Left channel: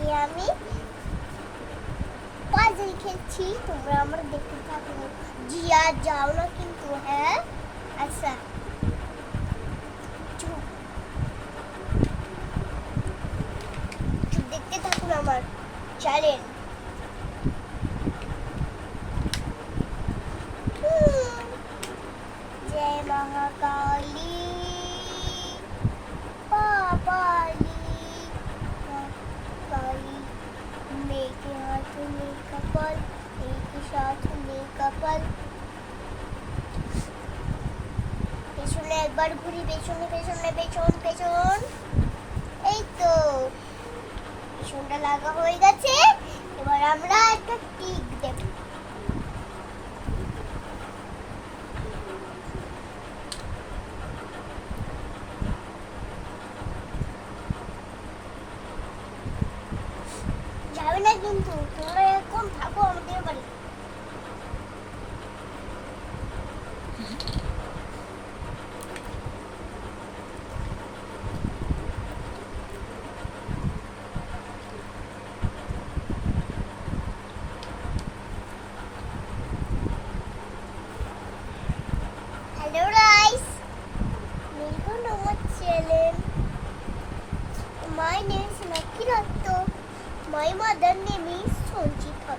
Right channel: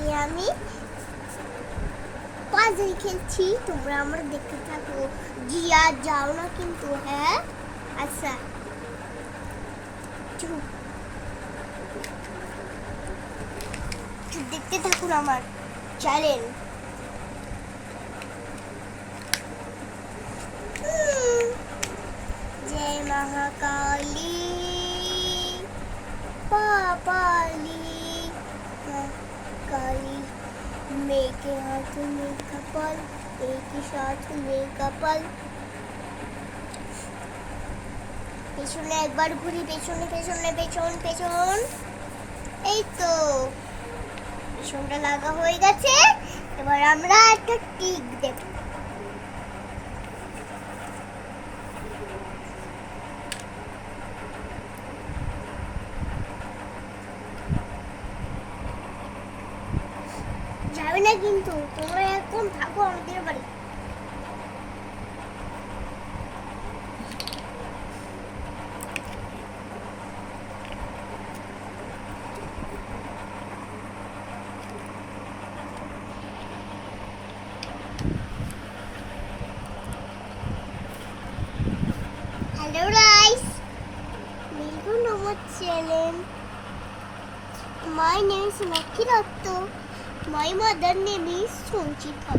আজকে আমি পাজল খেলছি, তোমরা আমার দেখতে থাকো। জিয়া যাও না কিন্তু, হ্যাঁ? আচ্ছা, চুপ, দেখতে থাকুন আমার চ্যানেল। जय महाकाली पापाली काली, मेरे हाथ में कपाल, एक ही साथ में कपाल। পেছনে একবার ঘুরি, পেছনে পেছনে পেছন পেছন, এই তো পেছনটা লাগা হয়ে গেছে। এবার আমরা একটা টিক দেব। যাবে না কিন্তু, তোমরা এখন থাকো আমাদের বাড়ি। Hello guys, welcome to my channel. My name is Lucky Ratto. My mother name is Sonchita.